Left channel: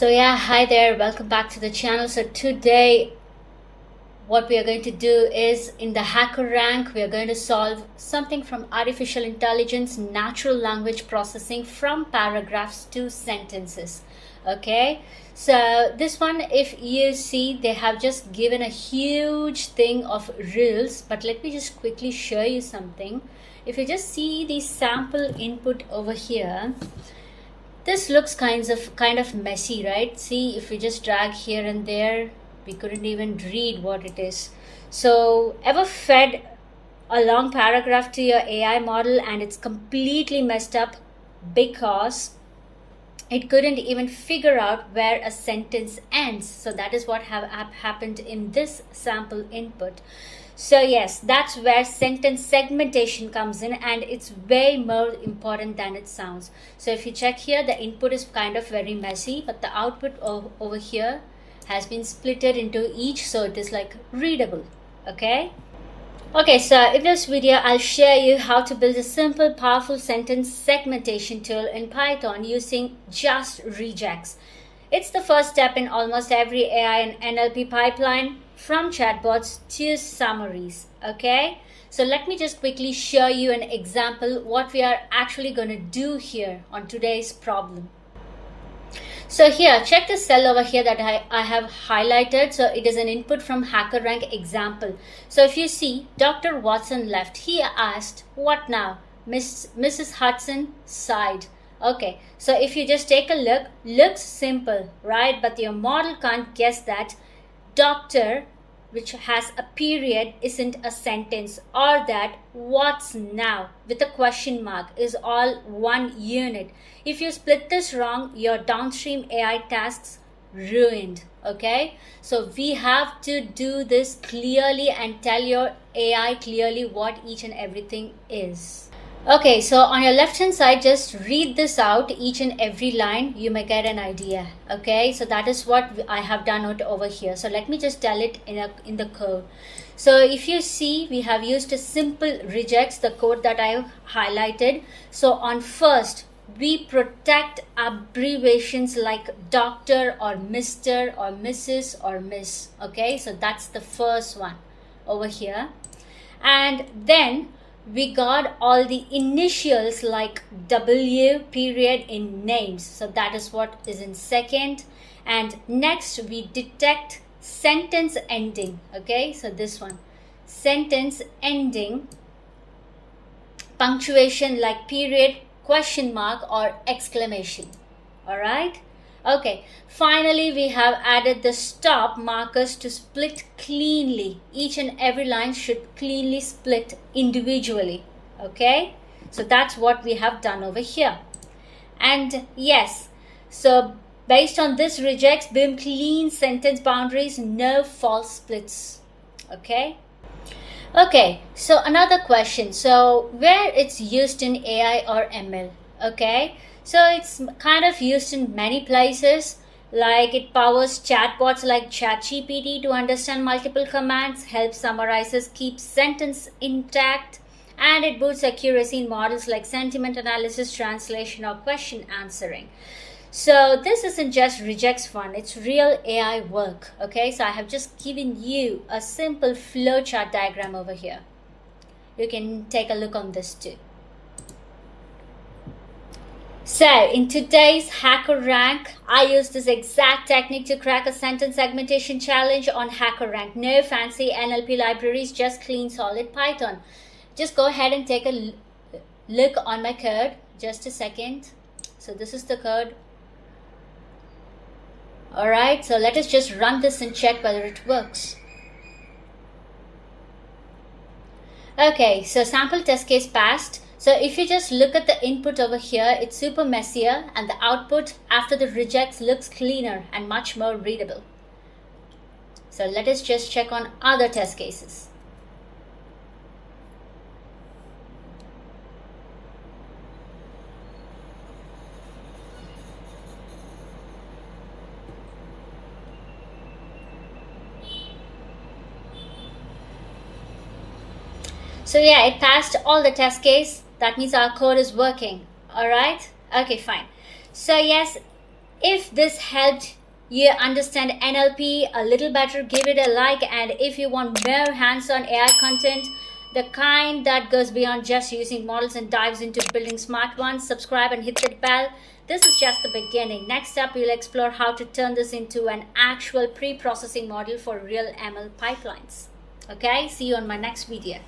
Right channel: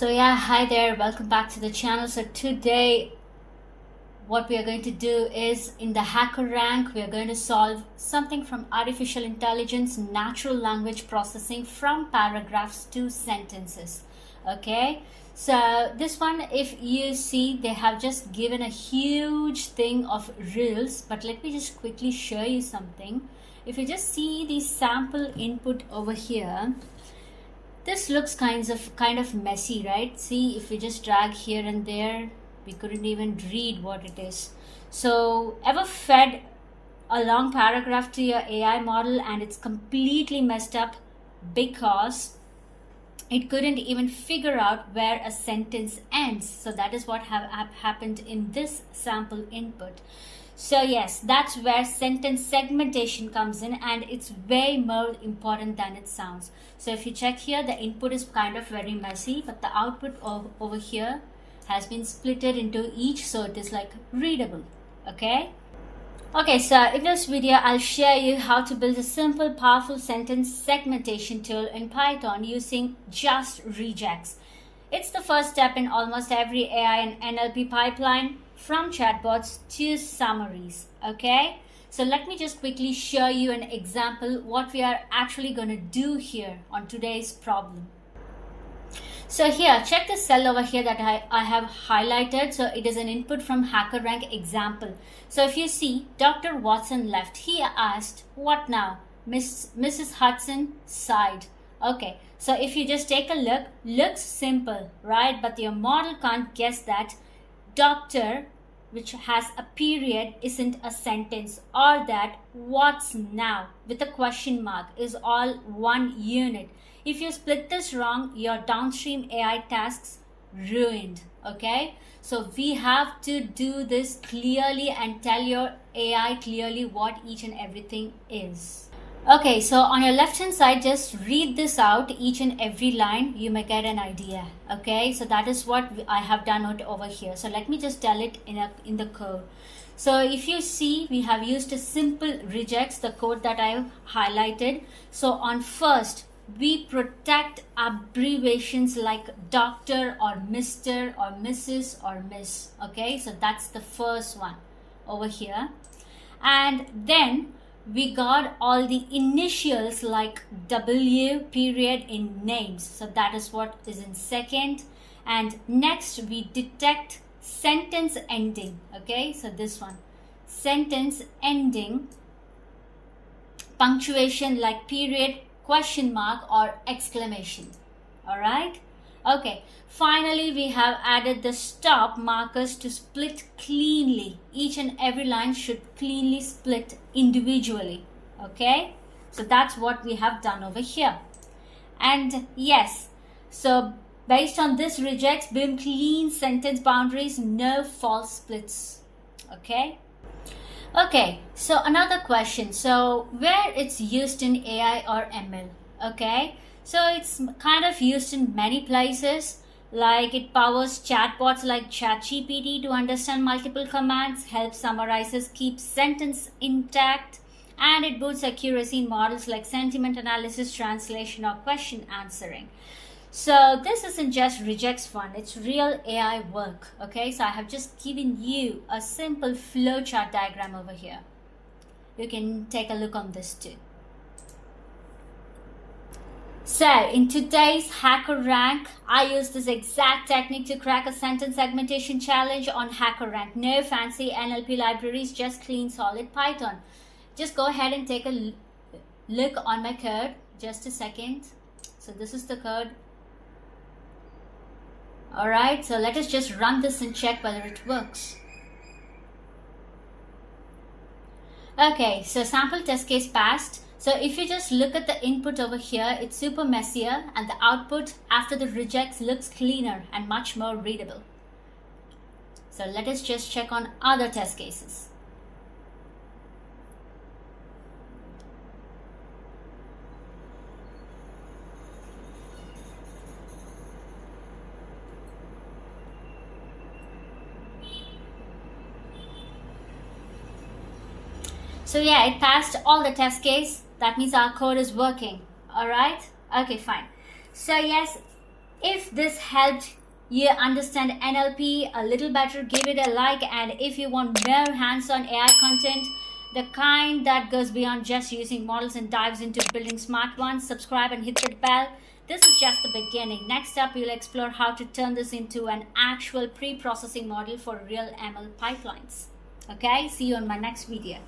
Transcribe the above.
So yeah, hi there, welcome back to the channel. So today what we are going to do is, in the HackerRank, we are going to solve something from artificial intelligence, natural language processing, from paragraphs to sentences. Okay, so this one, if you see, they have just given a huge thing of rules, but let me just quickly show you something. If you just see the sample input over here, this looks kind of messy, right? See, if we just drag here and there, we couldn't even read what it is. So ever fed a long paragraph to your AI model and it's completely messed up because it couldn't even figure out where a sentence ends? So that is what happened in this sample input. So yes, that's where sentence segmentation comes in, and it's way more important than it sounds. So if you check here, the input is kind of very messy, but the output over here has been splitted into each, so it is like readable. Okay, so in this video I'll show you how to build a simple, powerful sentence segmentation tool in Python using just regex. It's the first step in almost every AI and NLP pipeline, from chatbots to summaries. Okay, so let me just quickly show you an example what we are actually going to do here on today's problem. So here, check the cell over here that I have highlighted. So it is an input from HackerRank example. So if you see, Dr. Watson left. He asked, what now? Mrs. Hudson sighed. Okay, so if you just take a look, looks simple, right? But your model can't guess that doctor, which has a period, isn't a sentence, or that what's now with a question mark is all one unit. If you split this wrong, your downstream AI tasks ruined. Okay, so we have to do this clearly and tell your AI clearly what each and everything is. Okay, so on your left hand side, just read this out, each and every line. You may get an idea. Okay, so that is what I have done out over here. So let me just tell it in the code. So if you see, we have used a simple regex, the code that I highlighted. So on first, we protect abbreviations like doctor or Mr. or Mrs. or Miss. Okay, so that's the first one over here. And then we got all the initials like W period in names. So that is what is in second. And next we detect sentence ending. Okay, so this one, sentence ending, punctuation like period, question mark or exclamation. All right. Okay, finally we have added the stop markers to split cleanly. Each and every line should cleanly split individually. Okay, so that's what we have done over here. And yes, so based on this regex, boom, clean sentence boundaries, no false splits. Okay, so another question. So where it's used in AI or ML? Okay, so it's kind of used in many places, like it powers chatbots like ChatGPT to understand multiple commands, helps summarizers keep sentence intact, and it boosts accuracy in models like sentiment analysis, translation, or question answering. So this isn't just regex fun, it's real AI work. Okay, so I have just given you a simple flowchart diagram over here. You can take a look on this too. So in today's HackerRank, I used this exact technique to crack a sentence segmentation challenge on HackerRank. No fancy NLP libraries, just clean solid Python. Just go ahead and take a look on my code. Just a second. So this is the code. Alright, so let us just run this and check whether it works. Okay, so sample test case passed. So if you just look at the input over here, it's super messier, and the output after the regex looks cleaner and much more readable. So let us just check on other test cases. So yeah, it passed all the test case. That means our code is working. All right. Okay, fine. So yes, If this helped you understand NLP a little better, give it a like. And if you want more hands-on AI content, the kind that goes beyond just using models and dives into building smart ones, subscribe and hit that bell. This is just the beginning. Next up, we'll explore how to turn this into an actual pre-processing model for real ML pipelines. Okay, see you on my next video.